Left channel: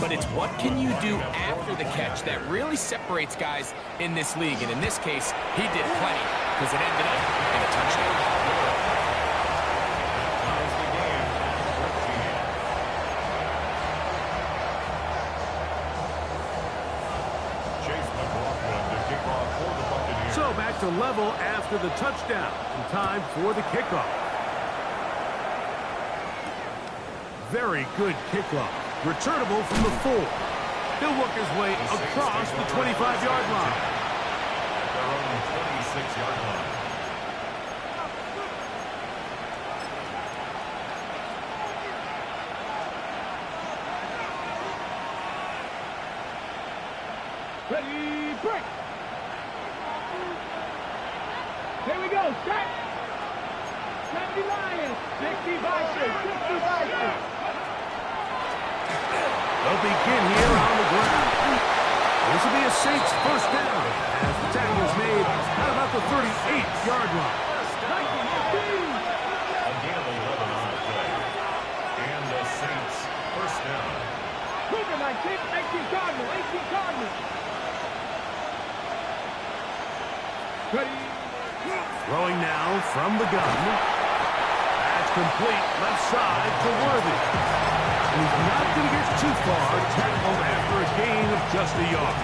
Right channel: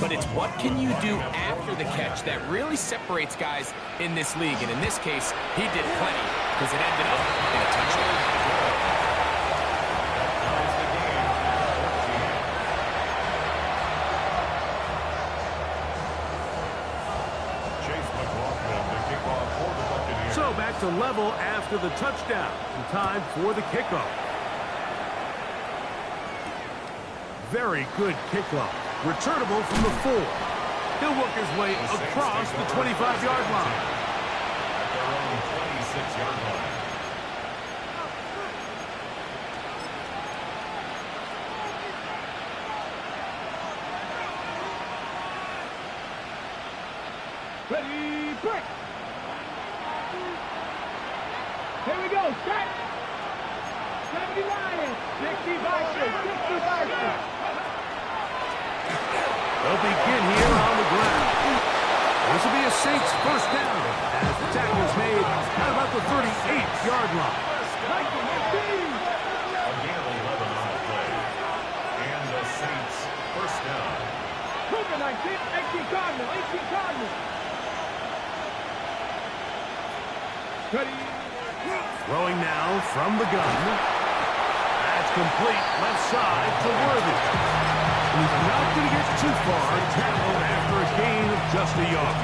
but it's what can you do after the catch that really separates guys in this league. And in this case, he did plenty because it ended up in a touchdown. So back to level after the touchdown. And time for the kickoff. Very good kickoff. Returnable from the 4. He'll work his way across the 25-yard line. At their own 26-yard line. Ready, break. Here we go, set. 70 Lions, 60 Vikings, 60 Vikings. They'll begin here on the ground. This will be a Saints first down as the tackle is made at about the 38-yard line. A gain of 11 on the play. And the Saints first down. Cougar 19, 18 Cardinal, 18 Cardinal. Ready. Throwing now from the gun. That's complete left side to Worthy. And he's not going to get too far, tackled after a gain of just a yard.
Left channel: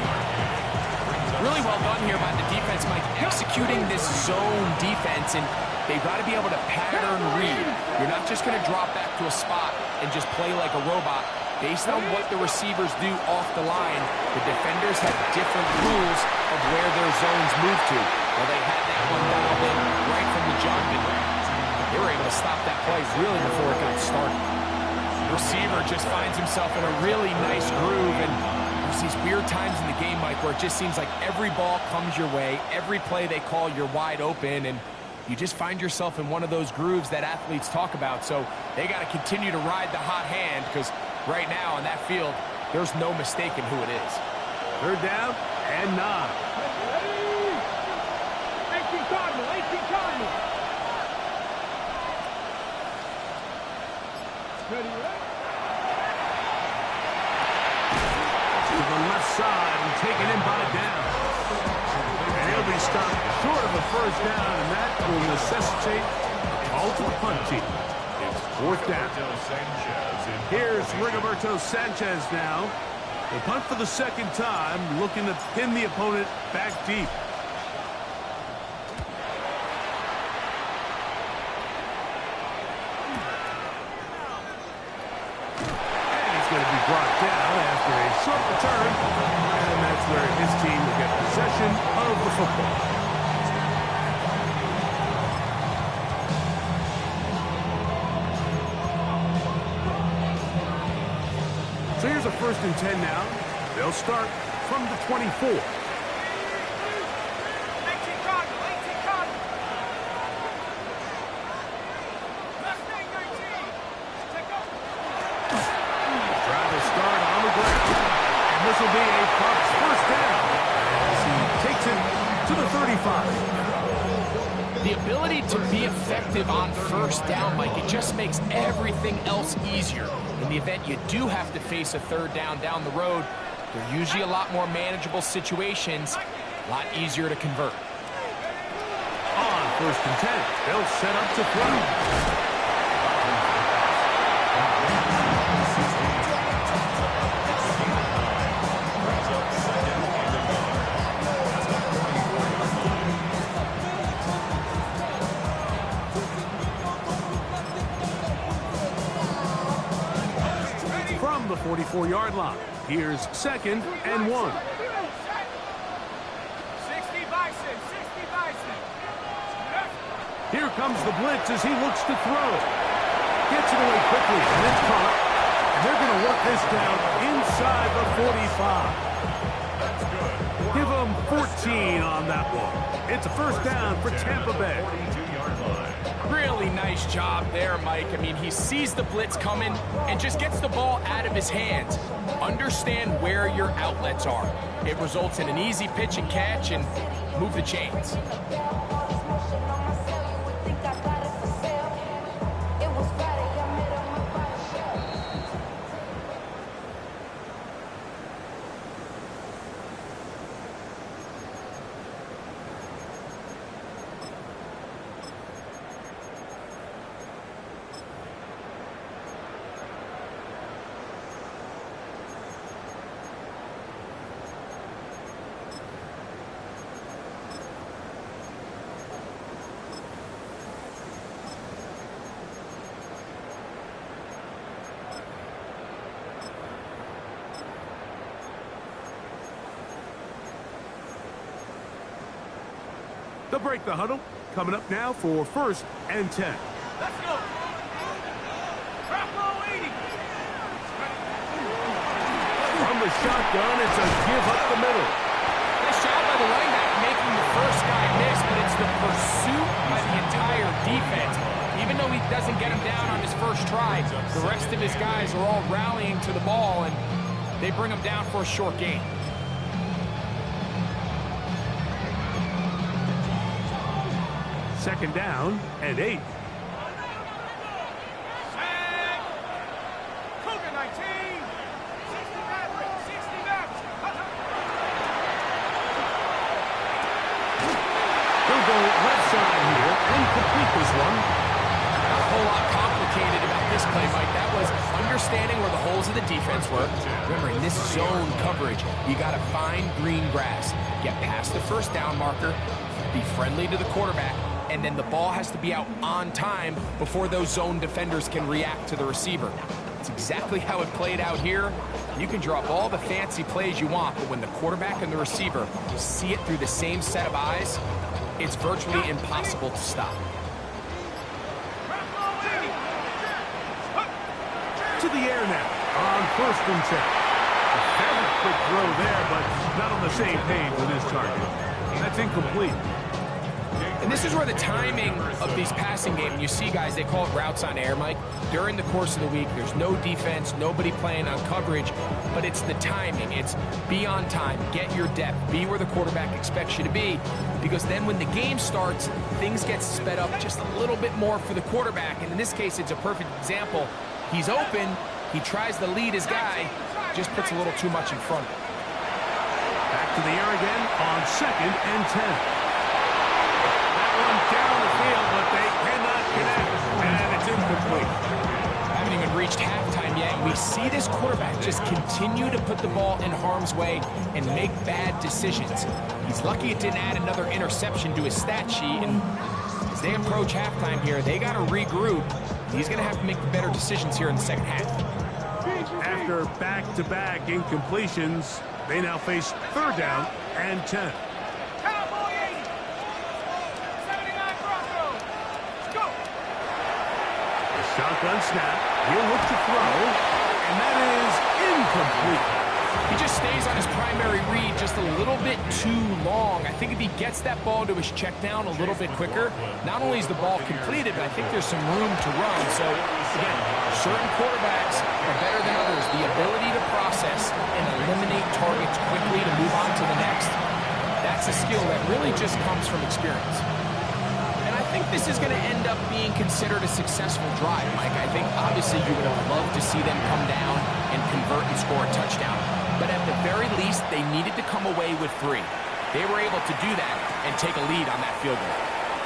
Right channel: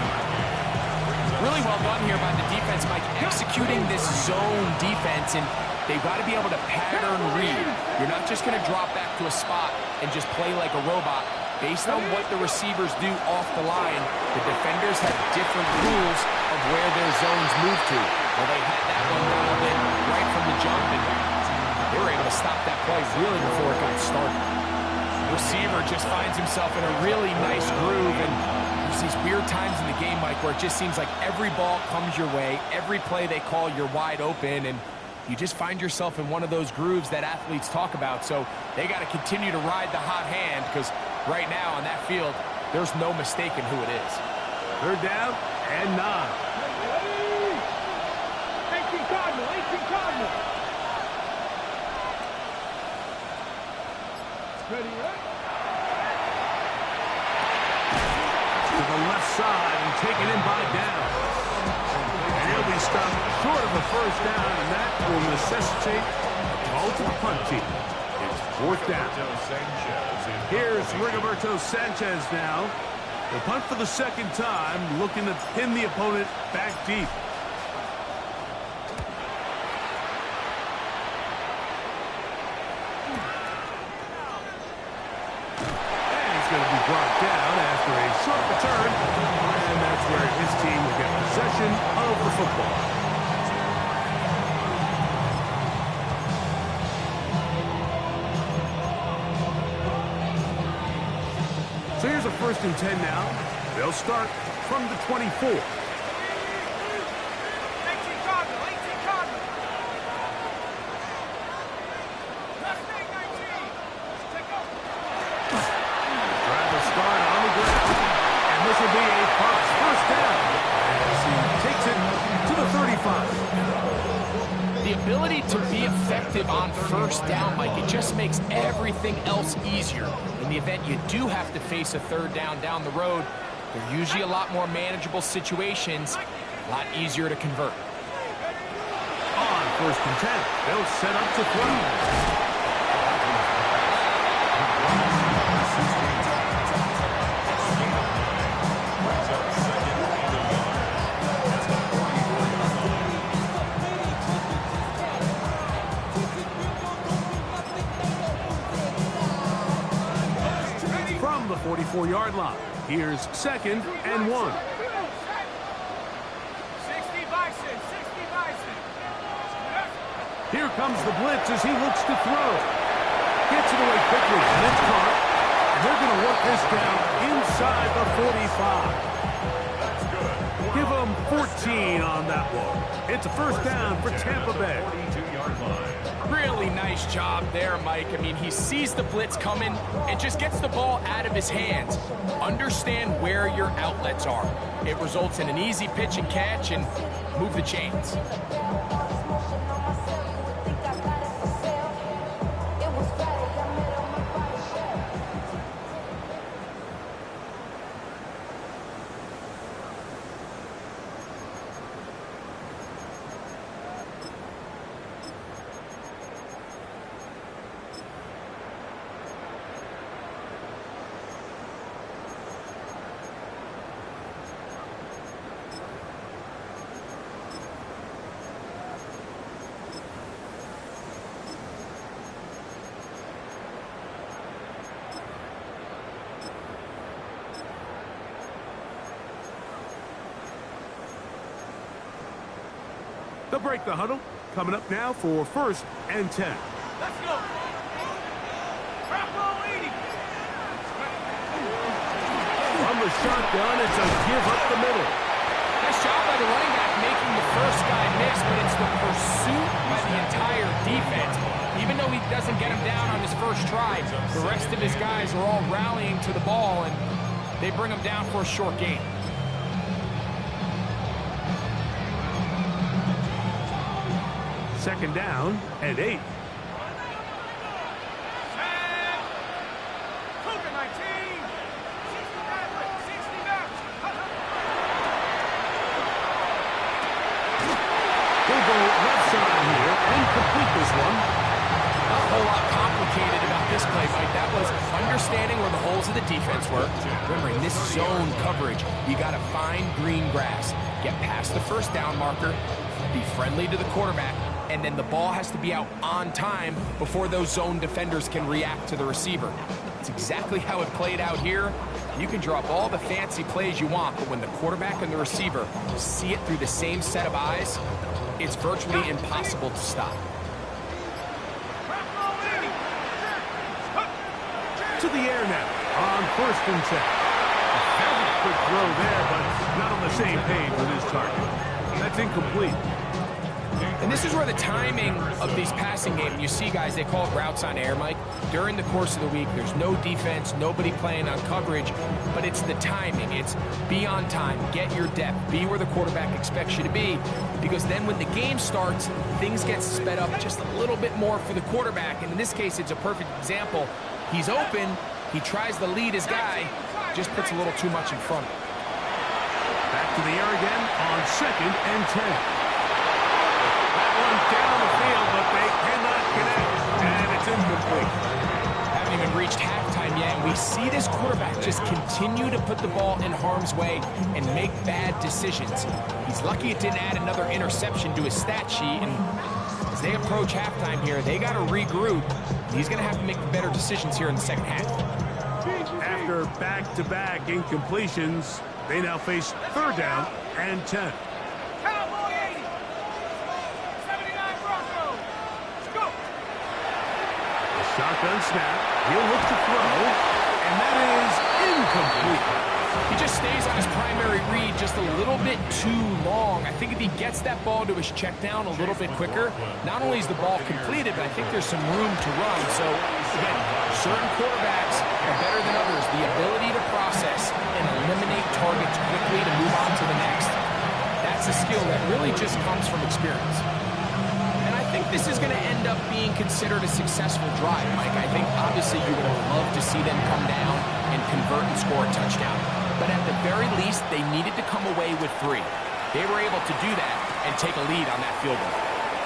Really well done here by the defense, Mike, executing this zone defense, and they've got to be able to pattern read. You're not just going to drop back to a spot and just play like a robot. Based on what the receivers do off the line, the defenders have different rules of where their zones move to. Well, they had that one dialed in right from the jump, and they were able to stop that play really before it got started. The receiver just finds himself in a really nice groove, and there's these weird times in the game, Mike, where it just seems like every ball comes your way, every play they call, you're wide open, and you just find yourself in one of those grooves that athletes talk about. So they got to continue to ride the hot hand, because right now on that field, there's no mistaking who it is. Third down and 9. 18 Cardinal, 18 Cardinal. Ready, right? To the left side and taken in by down. And he'll be stopped short of a first down, and that will necessitate a call to the punt team. It's fourth down. Here's Rigoberto Sanchez now. The punt for the second time, looking to pin the opponent back deep. And he's going to be brought down after a short return. And that's where his team will get possession of the football. So here's a 1st and 10 now. They'll start from the 24. 18 Cardinal, 18 Cardinal. Mustang 19. Take off. Drive will start on the ground. And this will be a Bucs first down as he takes it to the 35. The ability to be effective on first down, Mike, it just makes everything else easier. In the event you do have to face a third down the road, they're usually a lot more manageable situations, a lot easier to convert. On 1st and 10, they'll set up to throw. From the 44-yard line, here's 2nd and 1. 60 Bison, 60 Bison. Here comes the blitz as he looks to throw. Gets it away quickly, and it's caught. And they're going to work this down inside the 45. That's good. Give them 14 on that one. It's a first down for Tampa Bay. 42-yard line. Really nice job there, Mike. I mean, he sees the blitz coming and just gets the ball out of his hands. Understand where your outlets are. It results in an easy pitch and catch and move the chains. They'll break the huddle. Coming up now for 1st and 10. Let's go. Drop low 80. From the shotgun, it's a give up the middle. Nice job by the running back making the first guy miss, but it's the pursuit by the entire defense. Even though he doesn't get him down on his first try, the rest of his guys are all rallying to the ball, and they bring him down for a short gain. Second down and 8. Cougar 19. 60 Maverick. 60 Maverick. He'll go left side here and complete this one. Not a whole lot complicated about this play, Mike. That was understanding where the holes of the defense were. Remember, in this zone coverage, you got to find green grass. Get past the first down marker, be friendly to the quarterback, and then the ball has to be out on time before those zone defenders can react to the receiver. It's exactly how it played out here. You can drop all the fancy plays you want, but when the quarterback and the receiver see it through the same set of eyes, it's virtually impossible to stop. To the air now on 1st and 10. A very quick throw there, but not on the same page with his target. That's incomplete. And this is where the timing of these passing games, you see guys, they call it routes on air, Mike. During the course of the week, there's no defense, nobody playing on coverage, but it's the timing. It's be on time, get your depth, be where the quarterback expects you to be, because then when the game starts, things get sped up just a little bit more for the quarterback. And in this case, it's a perfect example. He's open, he tries to lead his guy, just puts a little too much in front of him. Back to the air again on 2nd and 10. That one down the field, but they cannot connect, and it's incomplete. Haven't even reached halftime yet, and we see this quarterback just continue to put the ball in harm's way and make bad decisions. He's lucky it didn't add another interception to his stat sheet, and as they approach halftime here, they got to regroup. He's going to have to make the better decisions here in the second half. After back-to-back incompletions, they now face 3rd down and 10. Cowboy 80. 79 Broncos. Let's go. The shotgun snap. He'll look to throw, and that is incomplete. He just stays on his primary read just a little bit too long. I think if he gets that ball to his check down a little bit quicker, not only is the ball completed, but I think there's some room to run. So, again, certain quarterbacks are better than others. The ability to process and eliminate targets quickly to move on to the next, that's a skill that really just comes from experience. And I think this is going to end up being considered a successful drive, Mike. I think, obviously, you would have loved to see them come down and convert and score a touchdown. But at the very least, they needed to come away with 3. They were able to do that and take a lead on that field goal.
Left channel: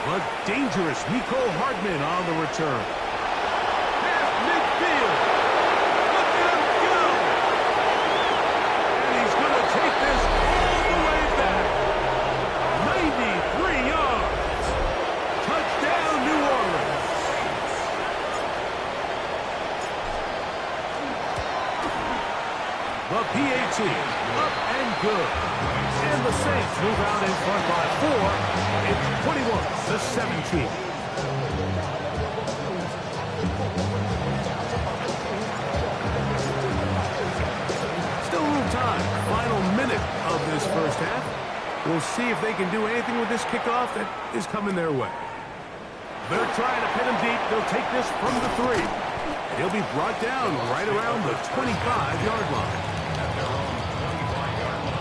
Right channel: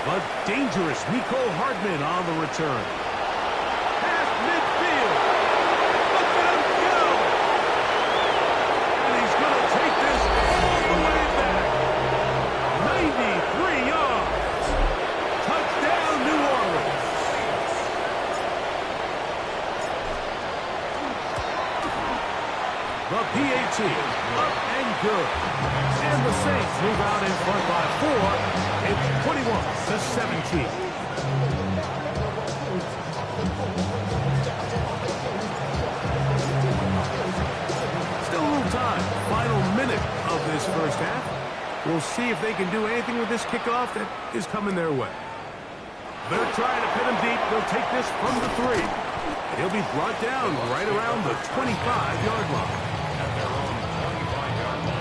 But dangerous Mecole Hardman on the return. Half midfield. Look at him go. And he's going to take this all the way back. 93 yards. Touchdown, New Orleans. The PAT, up and good. And the Saints move out in front by 4. It's 21-17. Still a little time. Final minute of this first half. We'll see if they can do anything with this kickoff that is coming their way. They're trying to pin him deep. They'll take this from the 3. And he'll be brought down right around the 25-yard line. At their own 25-yard line.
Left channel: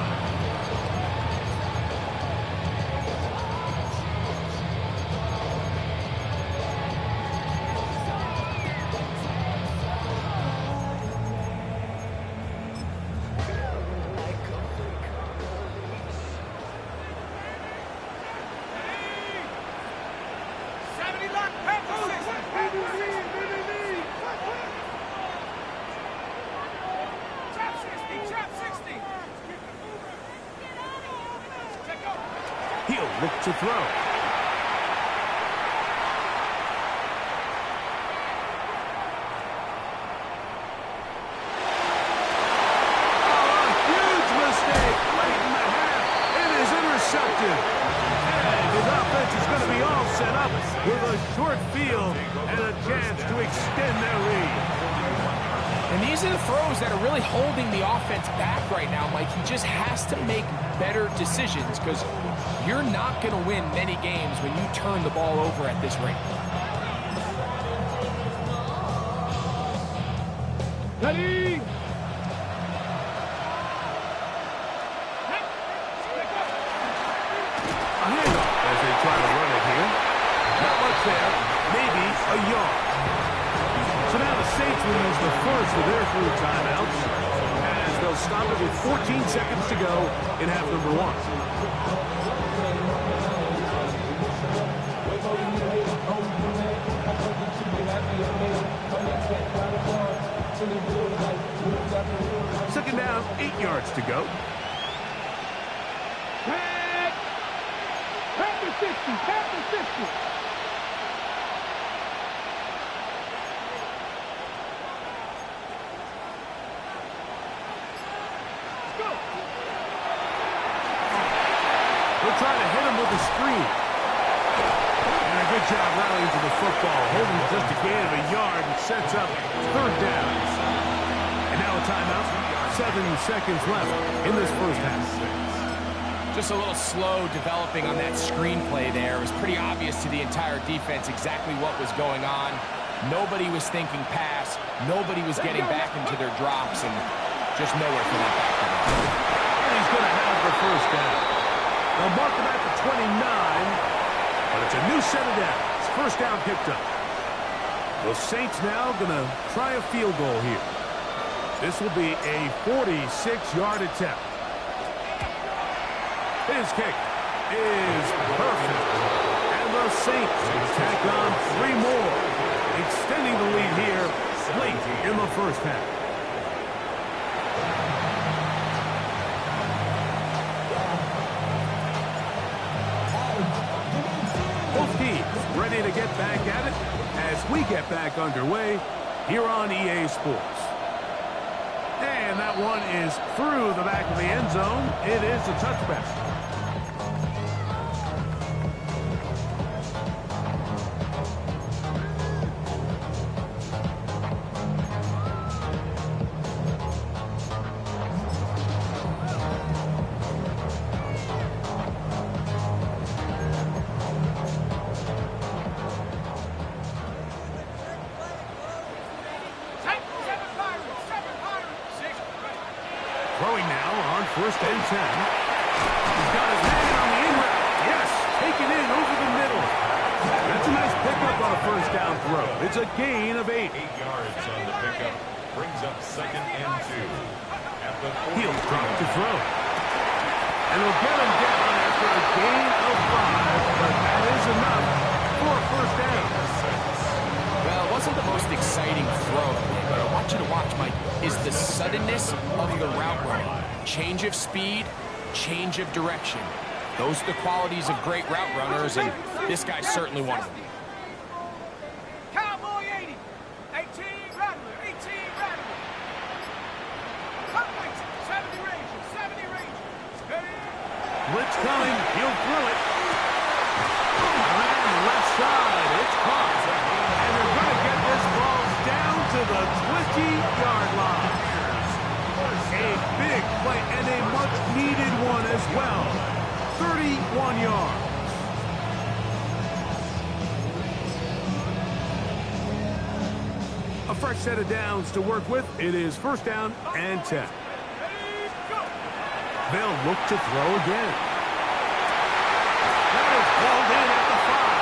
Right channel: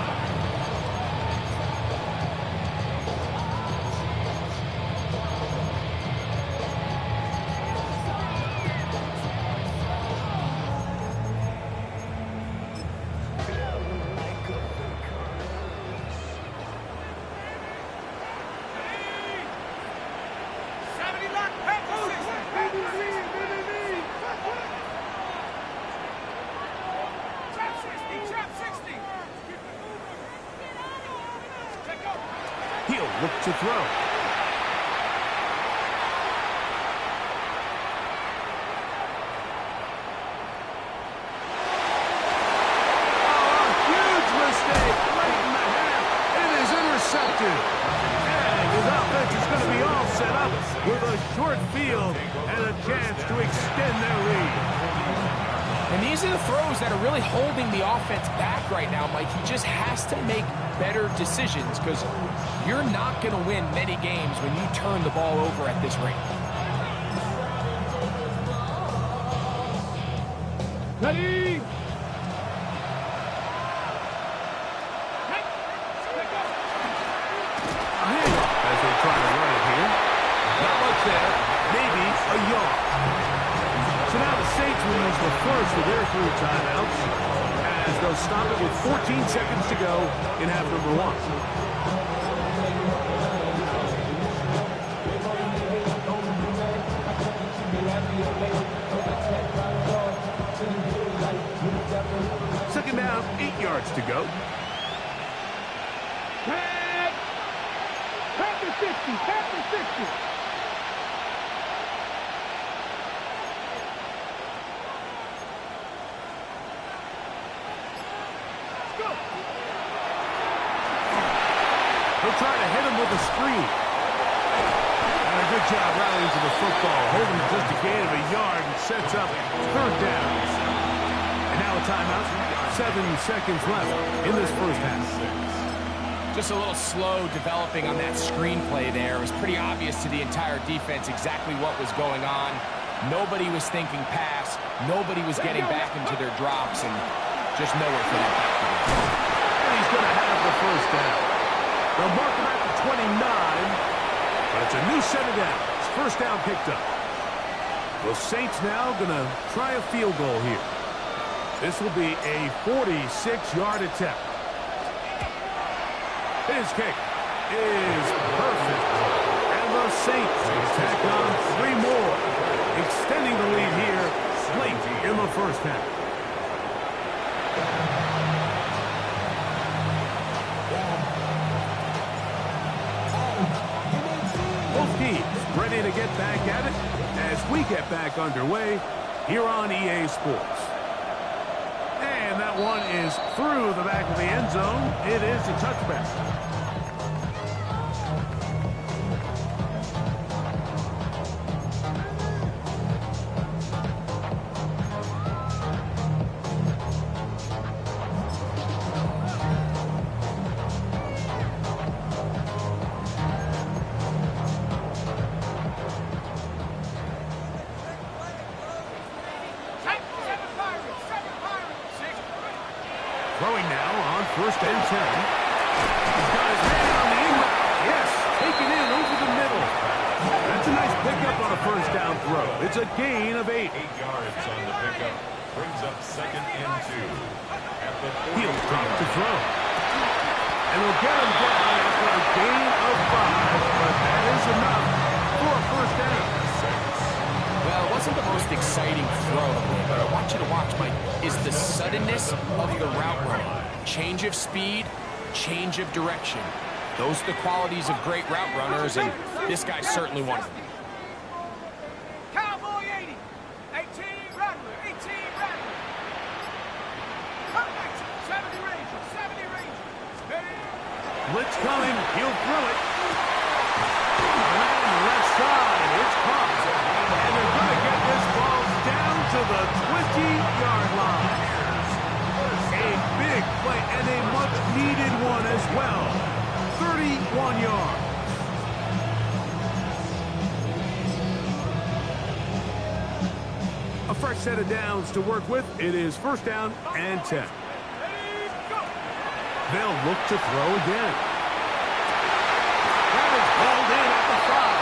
He'll look to throw. Intercepted. And his offensive set up with a short field and a chance to extend their lead. And these are the throws that are really holding the offense back right now, Mike. He just has to make better decisions because you're not going to win many games when you turn the ball over at this rate. Ready? A handoff as they try to run it here. Not much there. Maybe a yard. So now the Saints will use the first of their 3 timeouts as they'll stop it with 14 seconds to go in half number 1. Second down, 8 yards to go. Tap the 60, tap the 60. They'll try to hit him with a screen. And a good job rallying to the football, holding just a gain of a yard and sets up 3rd down. And now a timeout. 7 seconds left in this first half. Just a little slow developing on that screenplay there. It was pretty obvious to the entire defense exactly what was going on. Nobody was thinking pass. Nobody was getting back into their drops, and just nowhere for that back to go. And he's going to have the first down. They'll mark him at the 29, but it's a new set of downs. First down picked up. The Saints now going to try a field goal here. This will be a 46-yard attempt. His kick is perfect. And the Saints tack on 3 more, extending the lead here late in the first half. Both teams ready to get back at it as we get back underway here on EA Sports. And that one is through the back of the end zone. It is a touchback. Throwing now on 1st and 10. He's got his man on the in route. Yes, taken in over the middle. That's a nice pickup on a 1st down throw. It's a gain of 8. 8 yards on the pickup. Brings up 2nd and 2. At the 40. He'll drop to throw. And they'll get him down after a gain of 5, but that is enough for a 1st down. Well, it wasn't the most exciting throw today, but I want you to watch, Mike, is the suddenness of the route running. Change of speed, change of direction. Those are the qualities of great route runners, and this guy's certainly one of them. Cowboy 80. 18 Rattler. 18 Rattler. Cut right. 70 Ranger. 70 Ranger. Ready? Blitz coming. He'll throw it. Around the left side. It's caught. And they're going to get this ball down to the 20-yard line. A big play and a much-needed one as well. 31 yards. A fresh set of downs to work with. It is 1st down and 10. They'll look to throw again. That is hauled in at the 5.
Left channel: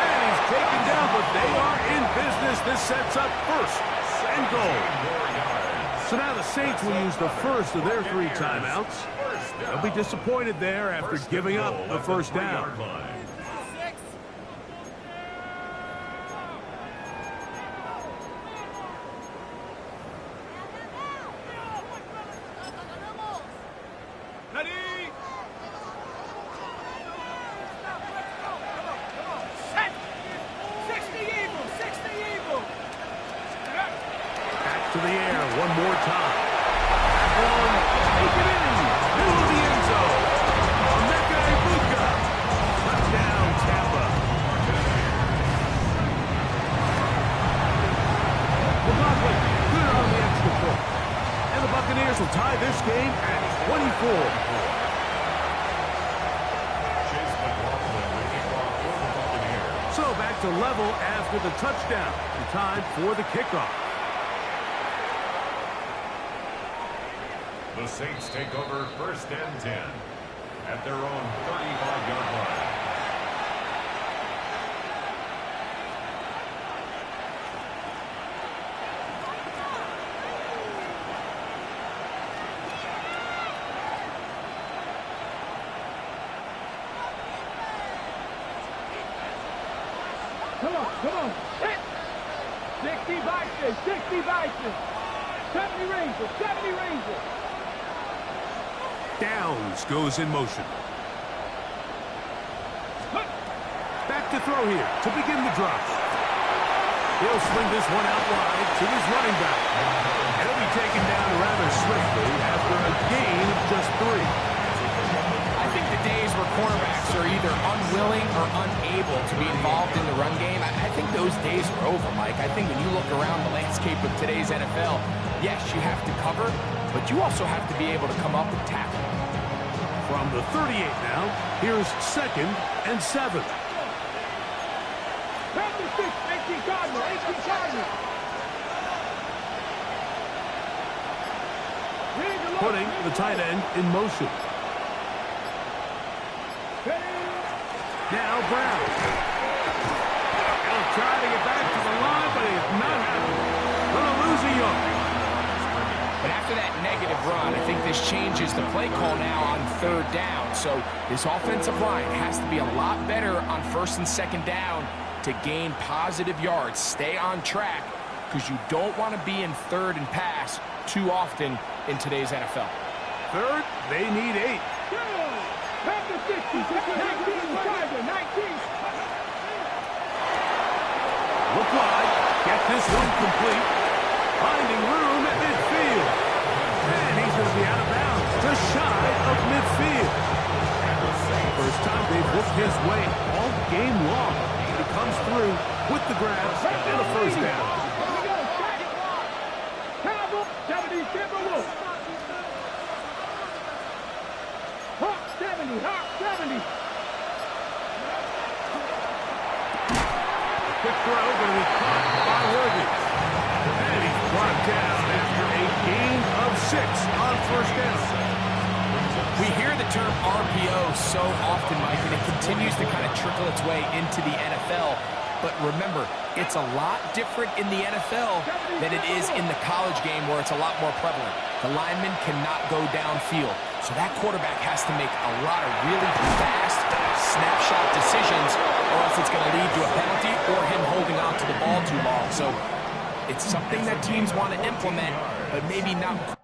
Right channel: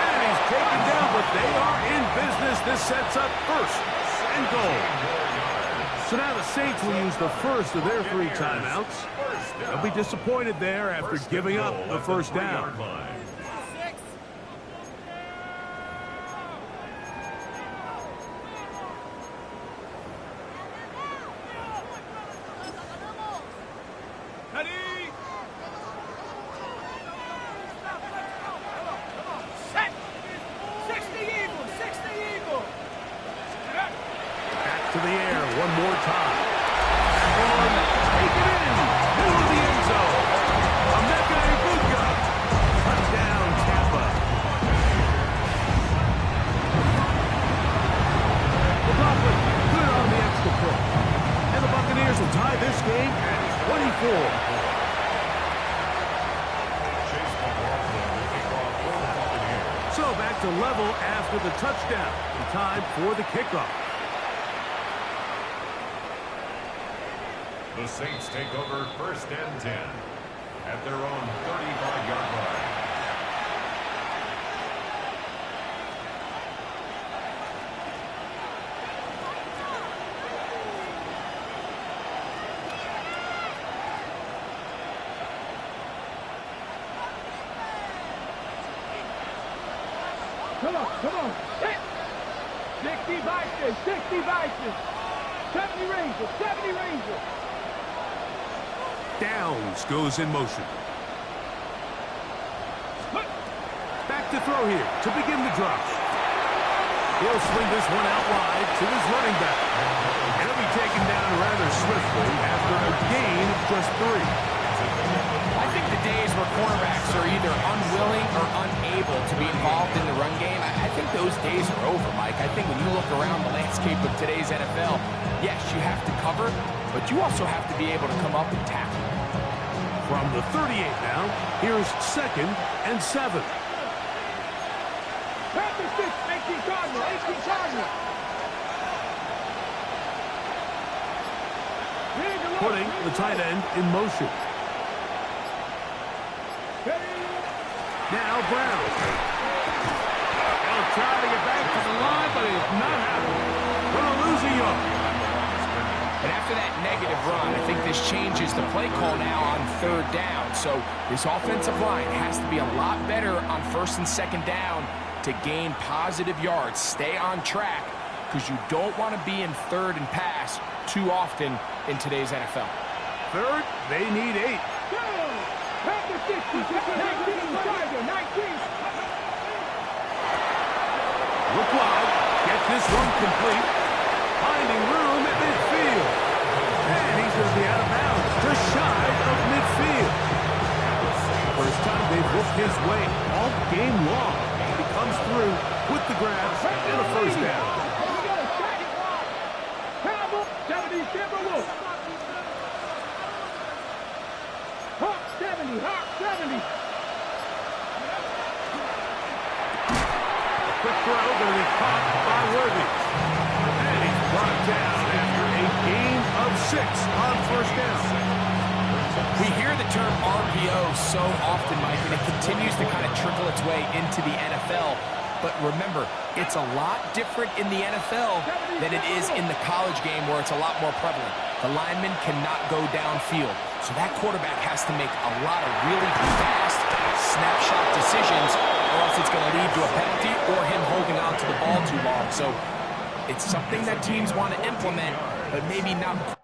And he's taken down, but they are in business. This sets up 1st and goal. So now the Saints will use the first of their 3 timeouts. They'll be disappointed there after giving up the 1st down. Ready? Set. 60 Eagle. 60 Eagle. Back to the air one more time. That one, take it in. Middle of the end zone. Emeka Egbuka. Touchdown, Tampa. Buccaneers will tie this game at 24. Chase McLaughlin to kick off for the Buccaneers. So back to level after the touchdown. And time for the kickoff. The Saints take over 1st and 10 at their own 35-yard line. Come on. Hit. 60 Vikings, 60 Vikings. 70 Rangers, 70 Rangers. Downs goes in motion. Back to throw here to begin the drop. He'll swing this one out wide to his running back. He'll be taken down rather swiftly after a gain of just 3. I think the days where cornerbacks are either unwilling or unable to be involved in the run game, I think those days are over, Mike. I think when you look around the landscape of today's NFL, yes, you have to cover, but you also have to be able to come up and tackle. From the 38 now, here's 2nd and 7. Panthers 6, 18 Cardinals, 18 Cardinals. Putting the tight end in motion. Now Brown. He'll try to get back to the line, but he's not happening. Gonna lose a yard. And after that negative run, I think this changes the play call now on 3rd down. So this offensive line has to be a lot better on 1st and 2nd down to gain positive yards. Stay on track because you don't want to be in 3rd and pass too often in today's NFL. 3rd, they need 8. Panthers 60, 19 Tiger, 19. Look wide. Get this one complete. Finding room at midfield. And he's going to be out of bounds, just shy of midfield. First time they've looked his way all game long. He comes through with the grab and a 1st down. Campbell, 70 Timberwolves. Hawk 70, Hawk 70. Quick throw going to be caught by Worthy. And he's brought down after a gain of 6 on 1st down. We hear the term RPO so often, Mike, and it continues to kind of trickle its way into the NFL. But remember, it's a lot different in the NFL than it is in the college game where it's a lot more prevalent. The lineman cannot go downfield. So that quarterback has to make a lot of really fast snapshot decisions or else it's going to lead to a penalty or him holding on to the ball too long. So it's something that teams want to implement, but maybe not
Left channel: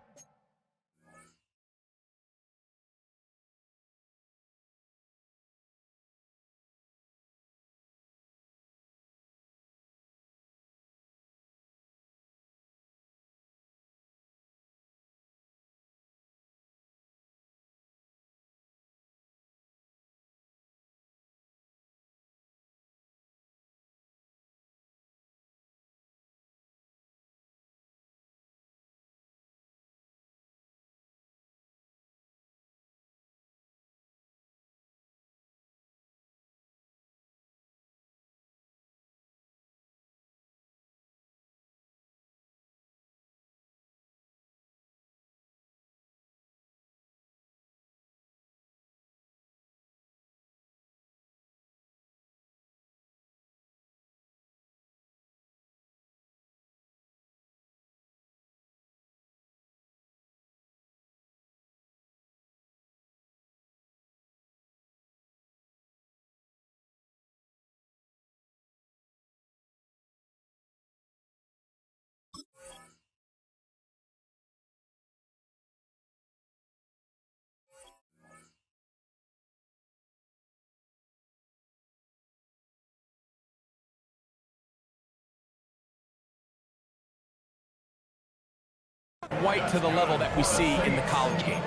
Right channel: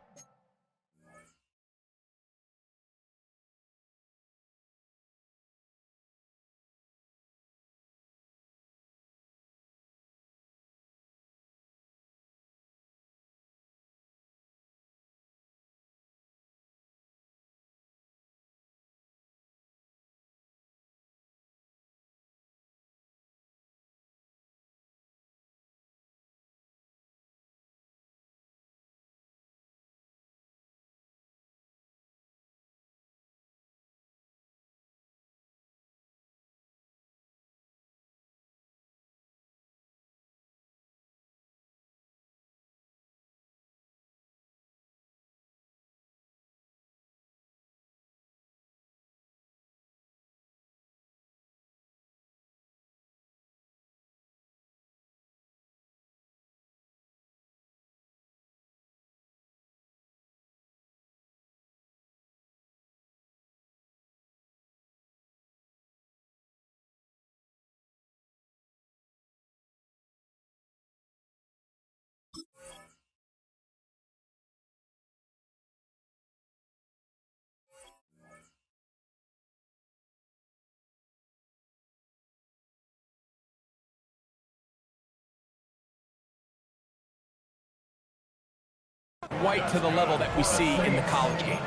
White to the level that we see in the college game.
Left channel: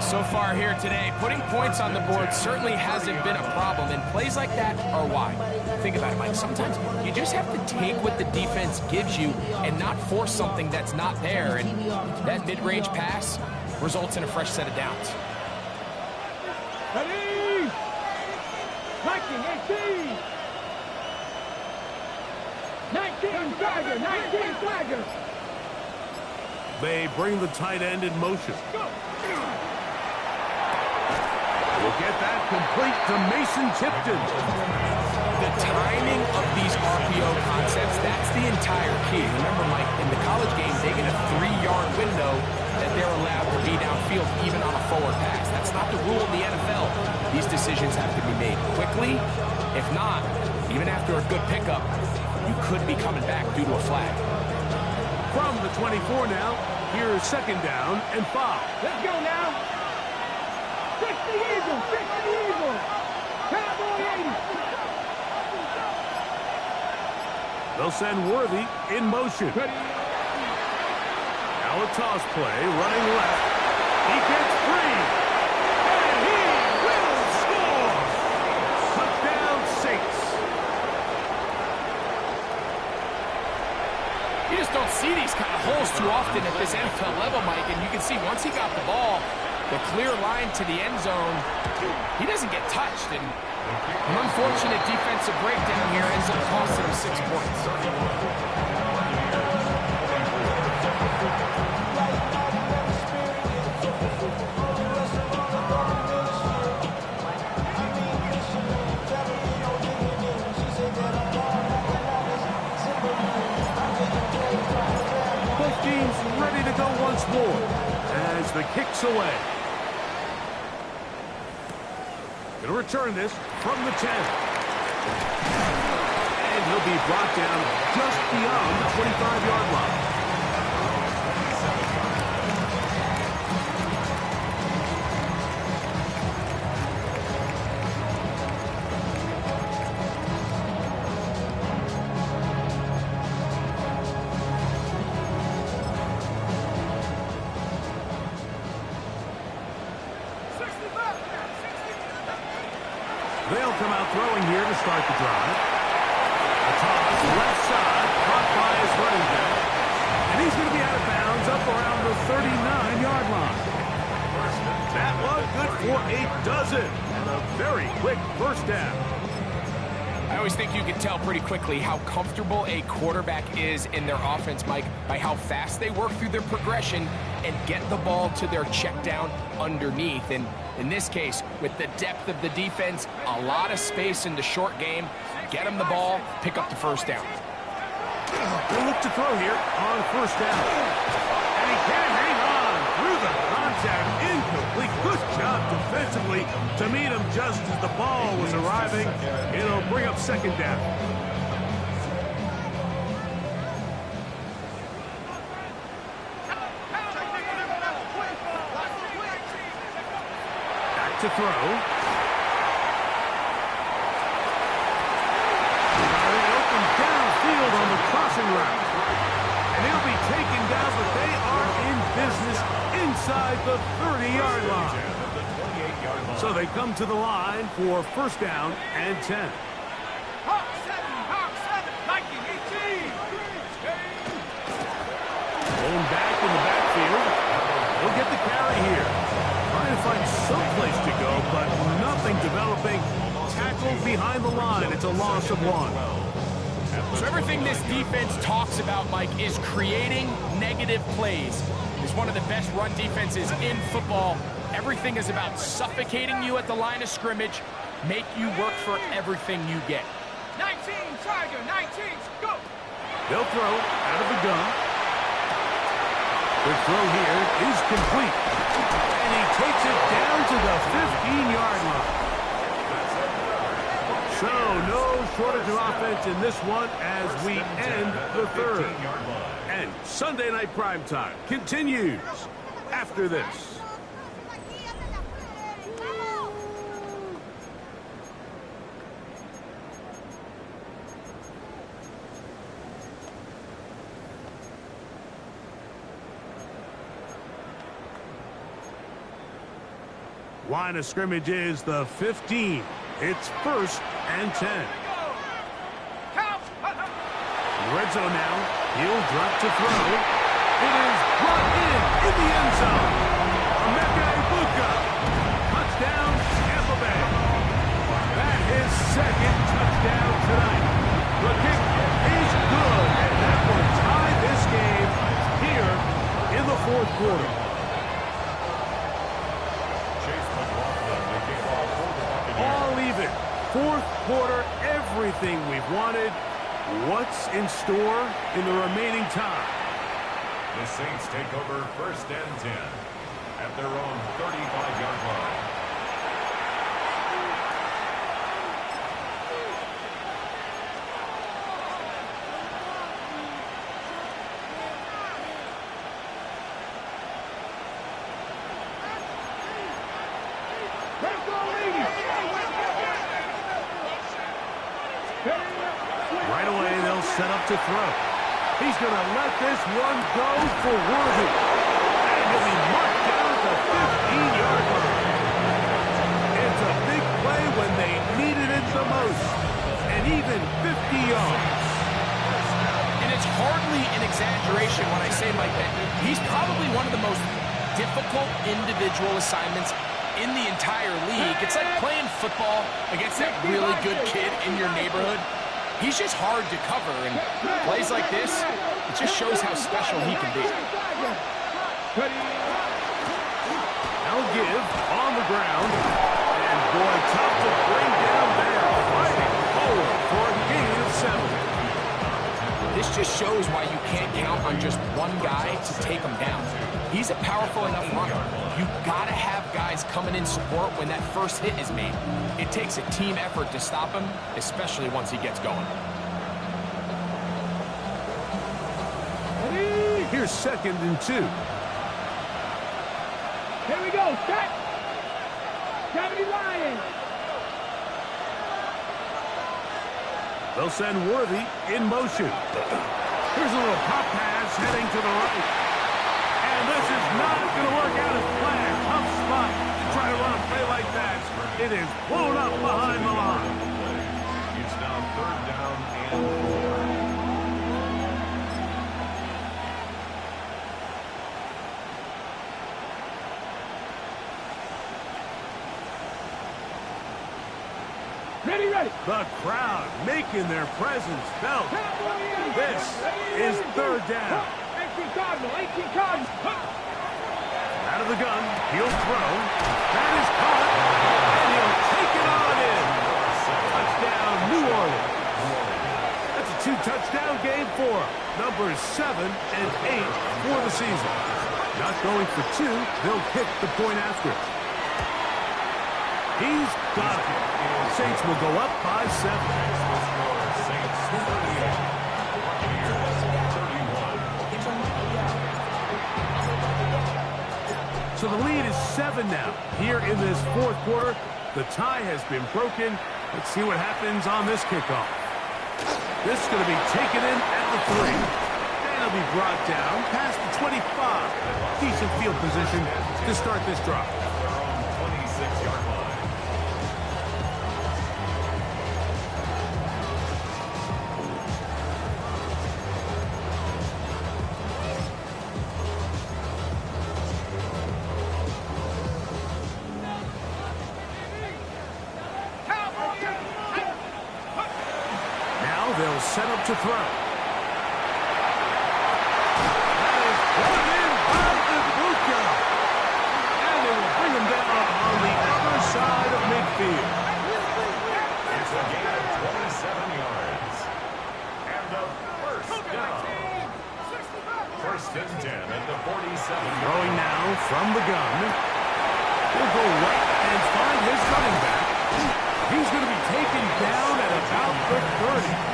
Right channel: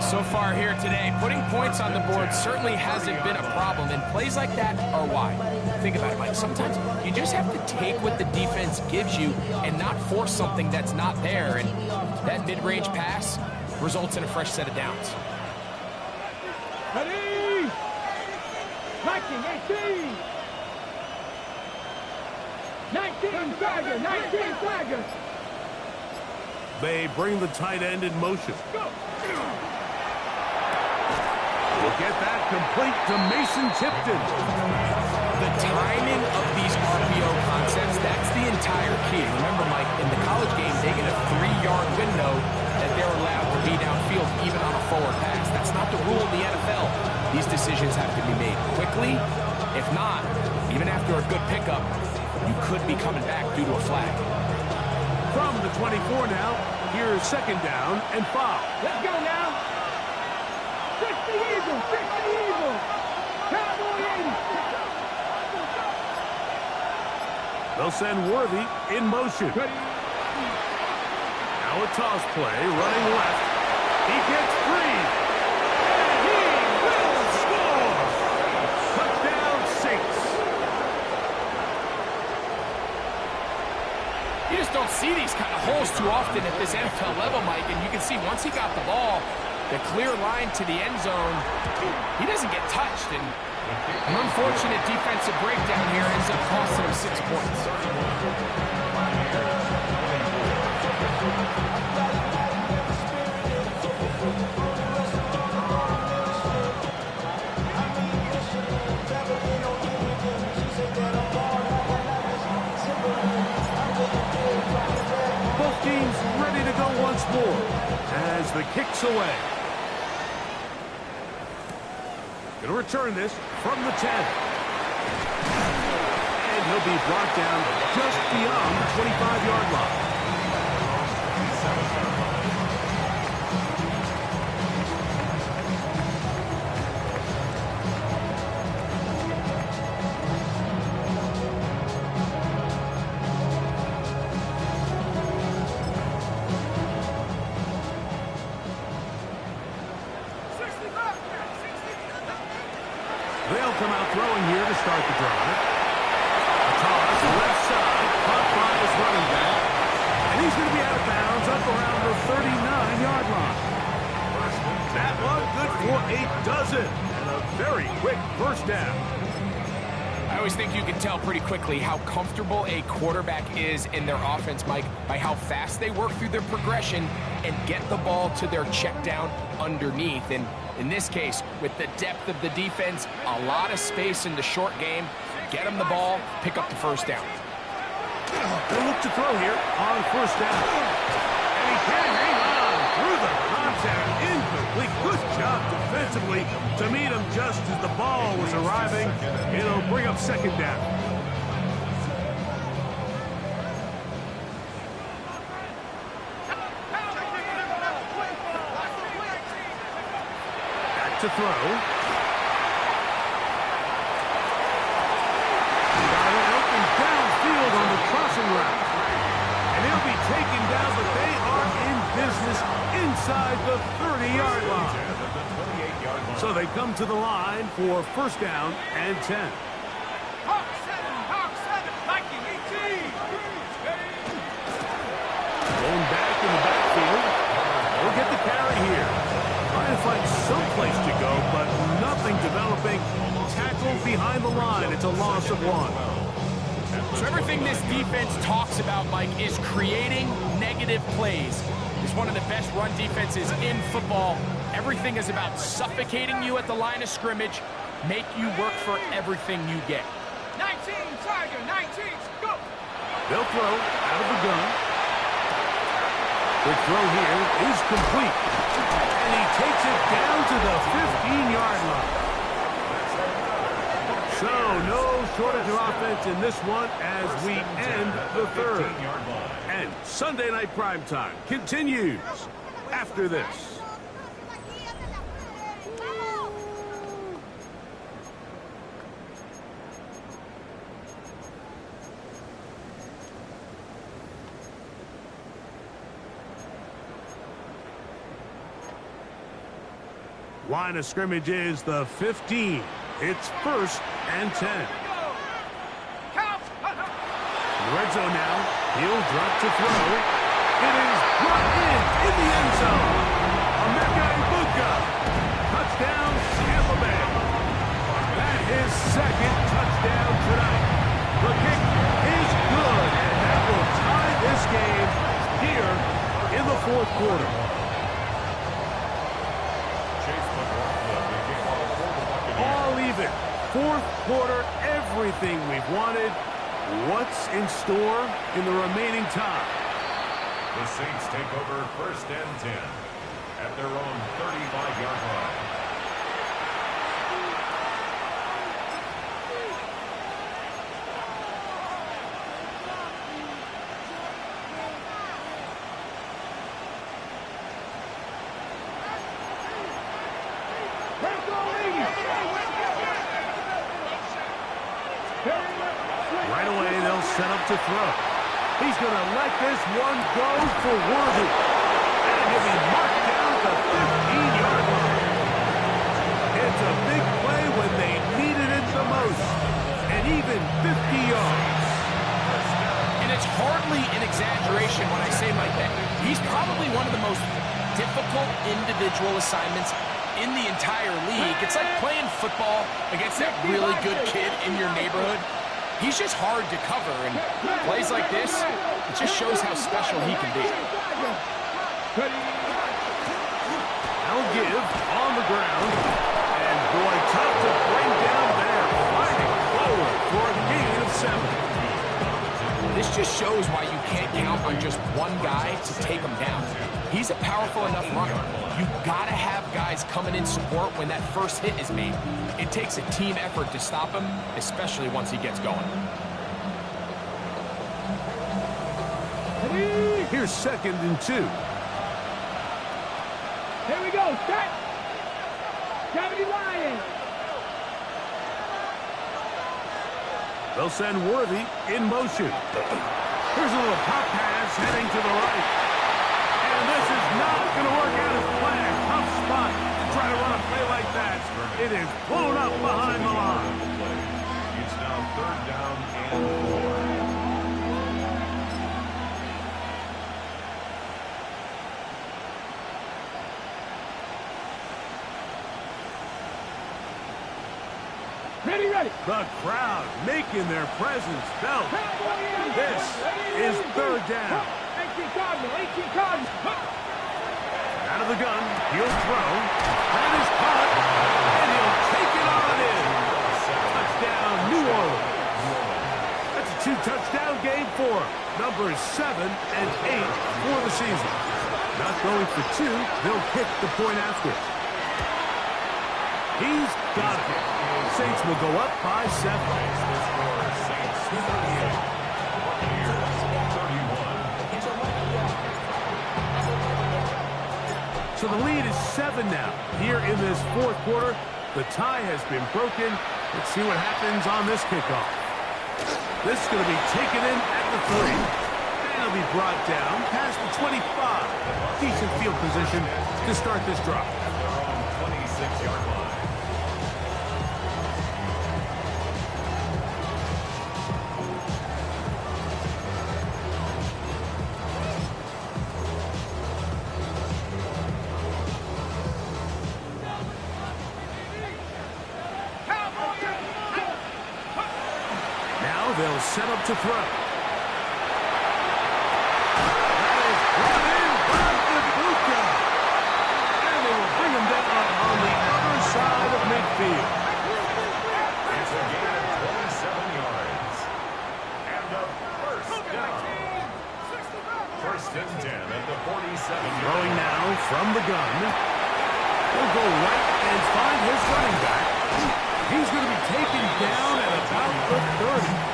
So far here today, putting points on the board certainly hasn't been a problem, and plays like that are why. Think about it, Mike. Sometimes you just have to take what the defense gives you and not force something that's not there, and that mid-range pass results in a fresh set of downs. Ready? 19, 18. 19, Tiger, 19, Tiger. They bring the tight end in motion. Go. We'll get that complete to Mason Tipton. The timing of these RPO concepts, that's the entire key. Remember, Mike, in the college game, they get a 3-yard window that they're allowed to be downfield even on a forward pass. That's not the rule in the NFL. These decisions have to be made quickly. If not, even after a good pickup, you could be coming back due to a flag. From the 24 now, here's second down and 5. Let's go now. 60 Eagles, 60 Eagles. Cowboy 80. They'll send Worthy in motion. Ready? Now a toss play, running left. He gets free. And he will score. Touchdown, Saints. You just don't see these kind of holes too often at this NFL level, Mike, and you can see once he got the ball, the clear line to the end zone, he doesn't get touched, and an unfortunate defensive breakdown here ends up costing him 6 points. Both teams ready to go once more as the kick's away. Going to return this from the 10. And he'll be brought down just beyond the 25-yard line. They'll come out throwing here to start the drive. A toss left side, caught by his running back. And he's going to be out of bounds up around the 39-yard line. That one good for a dozen. And a very quick first down. I always think you can tell pretty quickly how comfortable a quarterback is in their offense, Mike, by how fast they work through their progression and get the ball to their check down underneath. And in this case, with the depth of the defense, a lot of space in the short game, get them the ball, pick up the first down. They'll look to throw here on first down. And he can't hang on through the contact. Incomplete. Good job defensively to meet him just as the ball was arriving. It'll bring up second down. Back to throw. Got it open downfield on the crossing route. And he'll be taken down, but they are in business inside the 30-yard line. So they come to the line for first down and 10. Hawk 7, Viking 18. Going back in the backfield. He'll get the carry here. Trying to find some place to go, but nothing developing. Tackled behind the line. It's a loss of 1. So everything this defense talks about, Mike, is creating negative plays. It's one of the best run defenses in football. Everything is about suffocating you at the line of scrimmage, make you work for everything you get. 19, Tiger, 19, go. They'll throw out of the gun. Quick throw here is complete. And he takes it down to the 15-yard line. So no shortage of offense in this one as we end the third. And Sunday Night Primetime continues after this. Line of scrimmage is the 15. It's 1st and 10. In the red zone now. He'll drop to throw. It is brought in the end zone. Emeka Egbuka. Touchdown, Tampa Bay. That his second touchdown tonight. The kick is good, and that will tie this game here in the 4th quarter. Chase McLaughlin, the kickoff for the Buccaneers. All even. 4th quarter, everything we've wanted. What's in store in the remaining time? The Saints take over 1st and 10 at their own 35-yard line. Right away, they'll set up to throw. He's going to let this one go for Worthy. And he'll be marked down at the 15-yard line. It's a big play when they needed it the most. And even 50 yards. And it's hardly an exaggeration when I say, Mike, that he's probably one of the most difficult individual assignments in the entire league. It's like playing football against that really good kid in your neighborhood. He's just hard to cover, and plays like this, it just shows how special he can be. Now give on the ground, and boy, tough to bring down there, fighting forward for a gain of 7. This just shows why you can't count on just one guy to take him down. He's a powerful enough runner. You gotta have guys coming in support when that first hit is made. It takes a team effort to stop him, especially once he gets going. Here's 2nd and 2. Here we go, set. 70 Lions. They'll send Worthy in motion. Here's a little pop pass heading to the right. And this is not going to work out as planned. Tough spot to try to run a play like that. It is blown up behind the line. It's now 3rd down and 4. Ready. The crowd making their presence felt. This is 3rd down. 18 Cardinal. Out of the gun, he'll throw. That is caught, and he'll take it on in. Touchdown, New Orleans. That's a 2-touchdown game for him. Numbers 7 and 8 for the season. Not going for 2, they'll kick the point after it. He's got it. Saints will go up by 7. The score, Saints 38, Buccaneers 31. So the lead is 7 now. Here in this 4th quarter, the tie has been broken. Let's see what happens on this kickoff. This is going to be taken in at the 3. And it'll be brought down past the 25. Decent field position to start this drive. At their own 26-yard line. They'll set up to throw. That is brought in by Egbuka. And they will bring him down on the other side of midfield. It's a gain of 27 yards. And a 1st down. 1st and 10 at the 47. Throwing now from the gun. He'll go right and find his running back. He's going to be taken down at about the 30.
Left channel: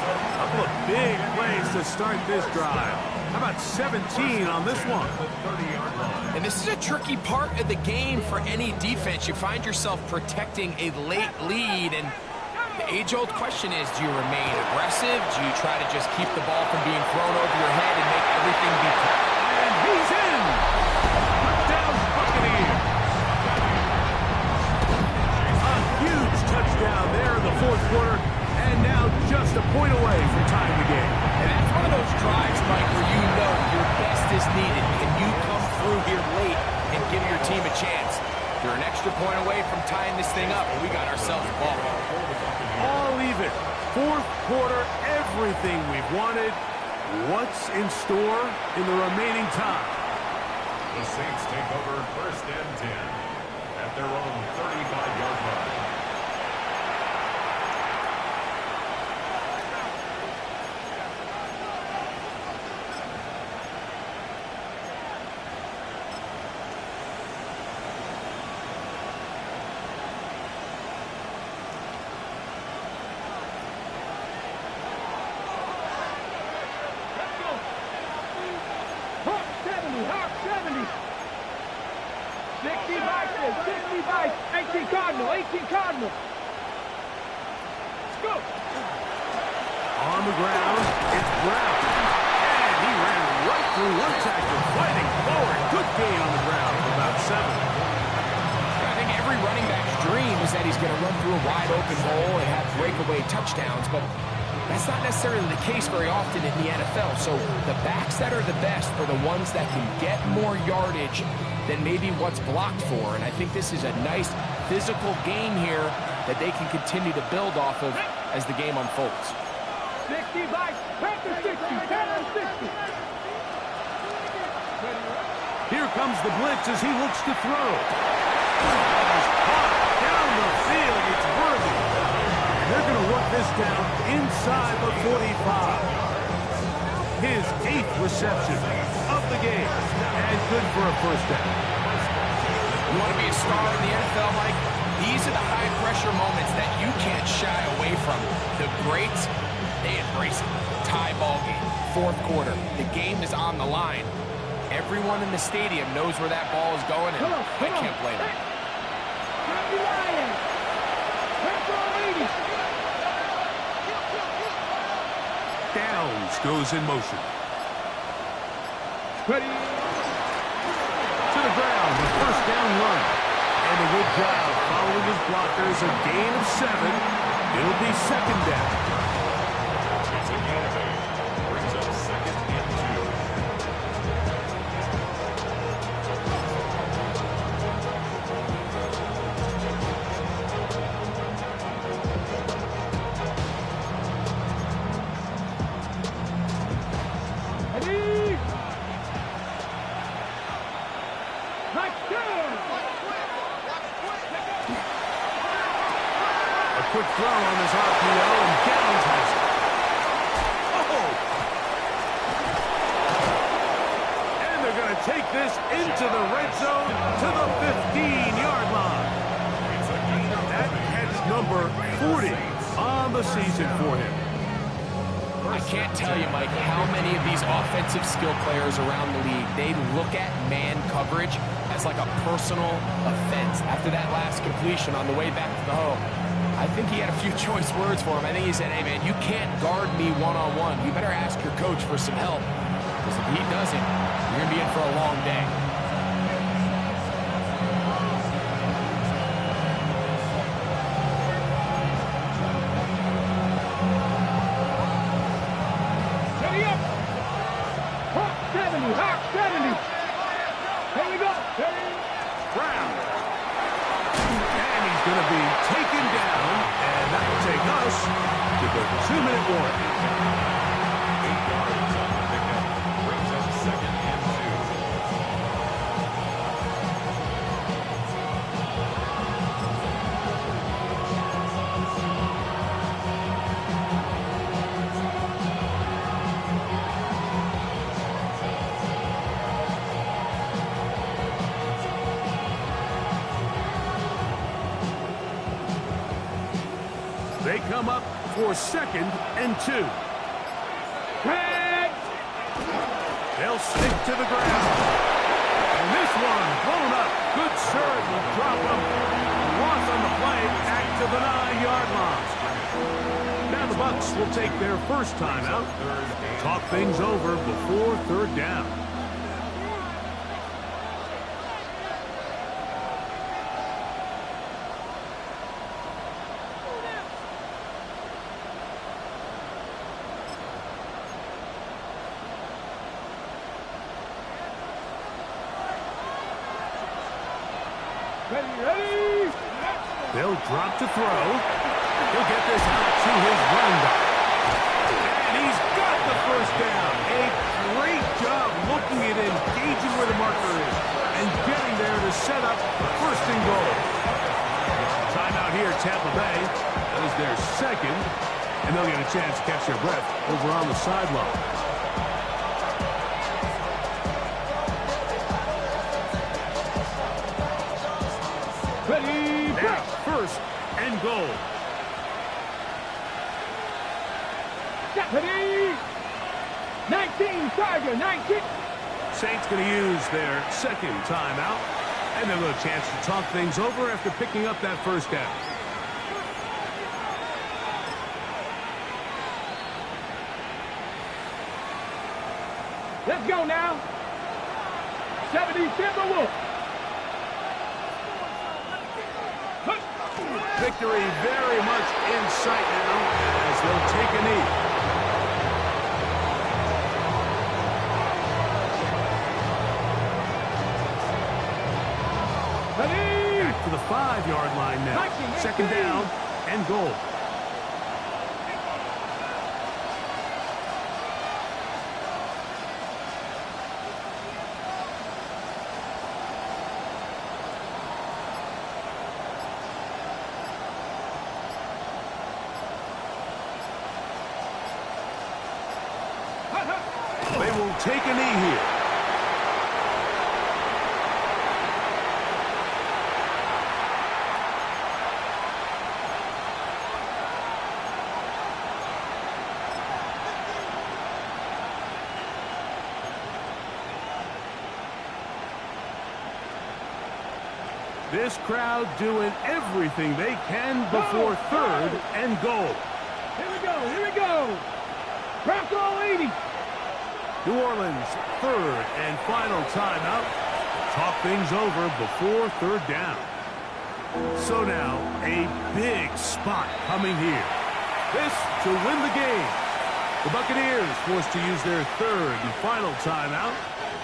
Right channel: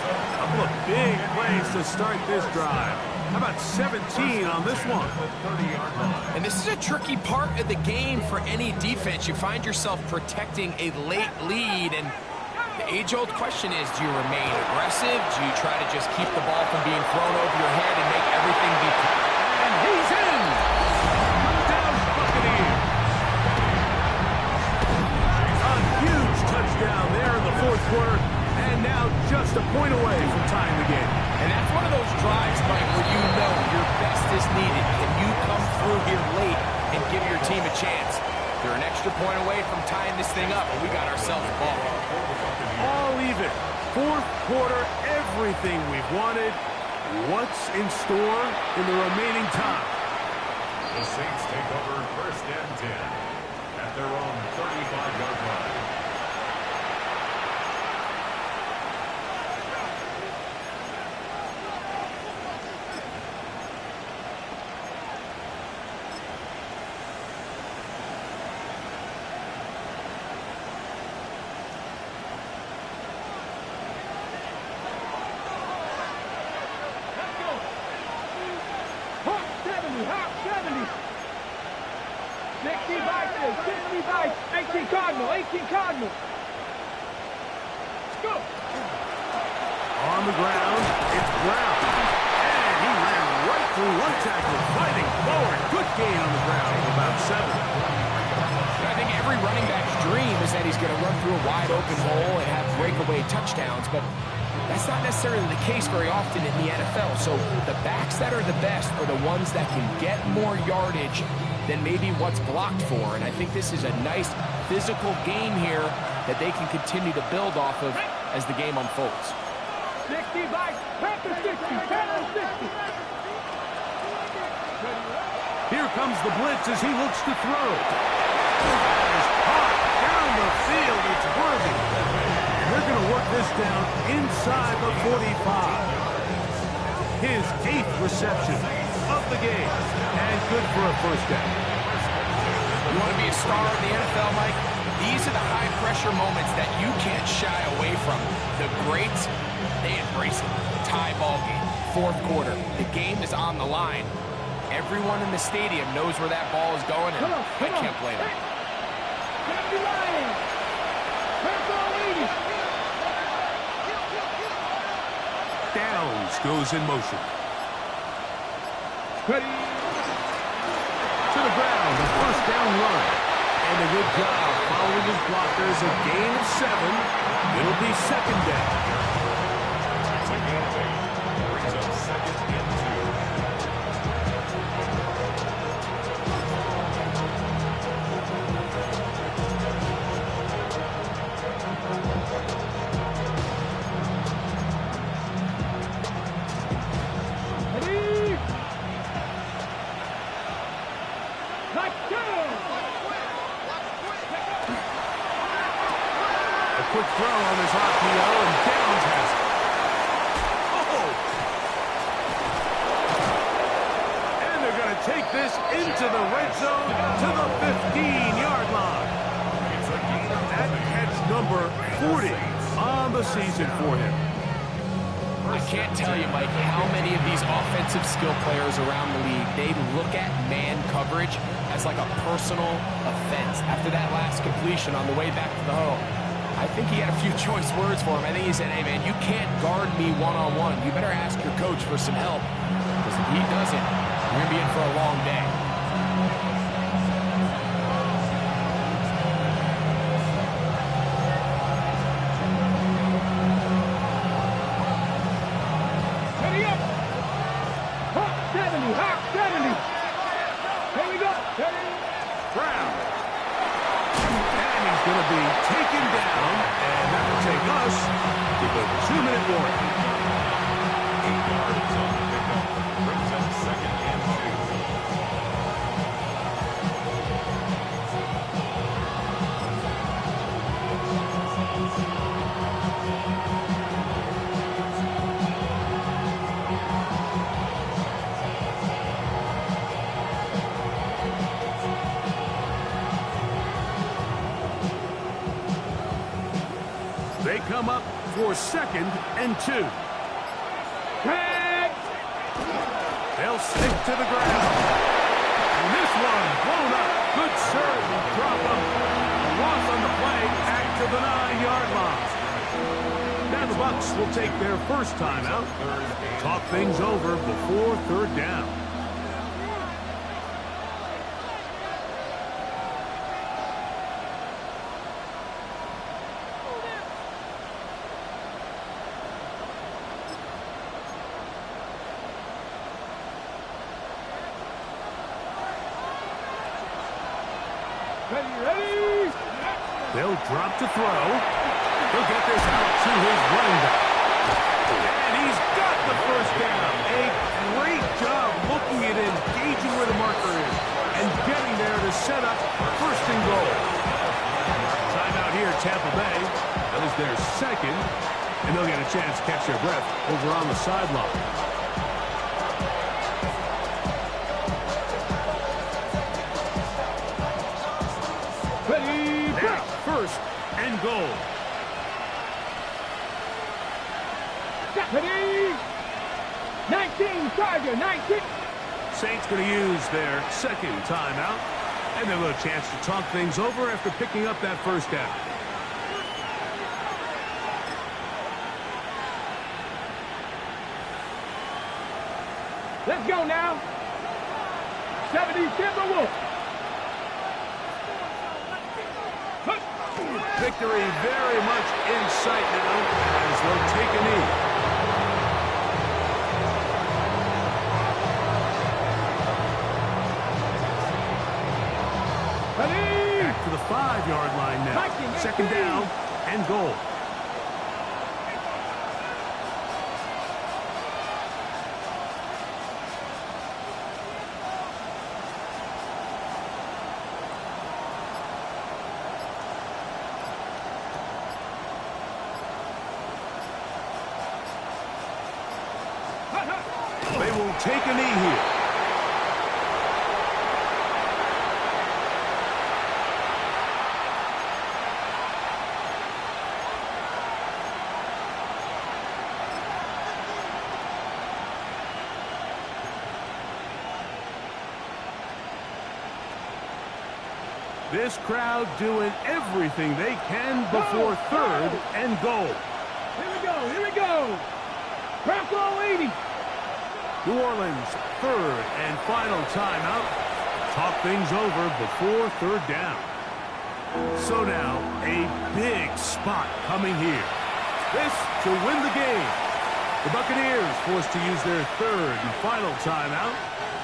A couple of big plays to start this drive. How about 17 on this one? And this is a tricky part of the game for any defense. You find yourself protecting a late lead, and the age-old question is, do you remain aggressive? Do you try to just keep the ball from being thrown over your head and make everything be packed? And he's in! Touchdown, Buccaneers! drives, Mike, where you know your best is needed. Can you come through here late and give your team a chance? They're an extra point away from tying this thing up, and we got ourselves a ball. All even. Fourth quarter, everything we've wanted. What's in store in the remaining time? The Saints take over 1st and 10 at their own 35-yard line. Hawk 70. 60 Vikings, 60 Vikings, 18 Cardinal, 18 Cardinal. Let's go. On the ground, it's Brown. And he ran right through one tackler, fighting forward. Good gain on the ground of about 7. I think every running back's dream is that he's going to run through a wide open hole and have breakaway touchdowns, but that's not necessarily the case very often in the NFL. So the backs that are the best are the ones that can get more yardage than maybe what's blocked for. And I think this is a nice physical game here that they can continue to build off of as the game unfolds. 60 Vikings, Panther 60, Panther 60. Here comes the blitz as he looks to throw. Is caught down the field. It's Worthy. And they're going to work this down inside the 45. His 8th reception of the game. And good for a first down. You want to be a star in the NFL, Mike? These are the high-pressure moments that you can't shy away from. The greats, they embrace it. Tie ball game, 4th quarter. The game is on the line. Everyone in the stadium knows where that ball is going, and I can't blame them. Downs goes in motion. Ready. To the ground, a first down run. And a good job following his blockers, a gain of 7. It'll be 2nd down. It's a gain of 8. Brings up 2nd and 2. Ready. Touchdown. A quick throw on this RPO, and Downs has it. Oh! And they're going to take this into the red zone to the 15-yard line. That heads number 40 on the season for him. I can't tell you, Mike, how many of these offensive skill players around the league, they look at man coverage as like a personal offense. After that last completion on the way back to the hole, I think he had a few choice words for him. I think he said, hey, man, you can't guard me one-on-one. You better ask your coach for some help, because if he doesn't, you're going to be in for a long day. Ready up. Hawk 70, Hawk 70. Here we go. Ready. Brown. And he's going to be taken down, and that will take us to the 2-minute warning. 8 yards on the pickup. Brings up 2nd and 2. They come up for 2nd and 2. Tag. They'll stick to the ground. And this one blown up. Good serve will drop him. A loss on the play back to the 9-yard line. Now the Bucs will take their first timeout. Talk things over before 3rd down. Ready. They'll drop to throw. He'll get this out to his running back. And he's got the first down. A great job looking at engaging where the marker is and getting there to set up first and goal. Timeout here, Tampa Bay. That is their second. And they'll get a chance to catch their breath over on the sideline. Ready. Now, first and goal. Ready. 19, Tiger, 19. Saints going to use their second timeout. And they'll get a chance to talk things over after picking up that first down. Let's go now. 70 Timberwolves. Victory very much in sight now as they'll take a knee. Ready. Back to the 5-yard line now. 19, Second 18. down and goal. They will take a knee here. This crowd doing everything they can before third and goal. Here we go. Here we go. Bronco 80. New Orleans, third and final timeout. Talk things over before third down. So now, a big spot coming here. This to win the game. The Buccaneers forced to use their third and final timeout.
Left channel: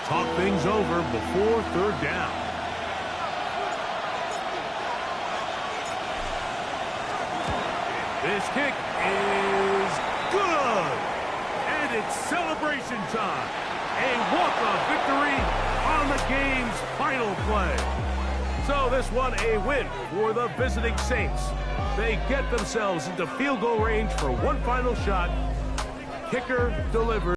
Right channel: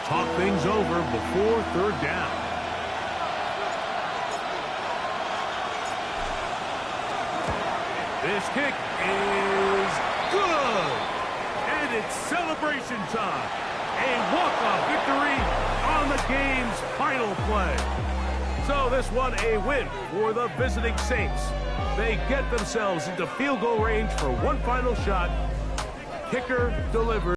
Talk things over before third down. This kick is good. And it's celebration time. A walk-off victory on the game's final play. So this one a win for the visiting Saints. They get themselves into field goal range for one final shot. Kicker delivers.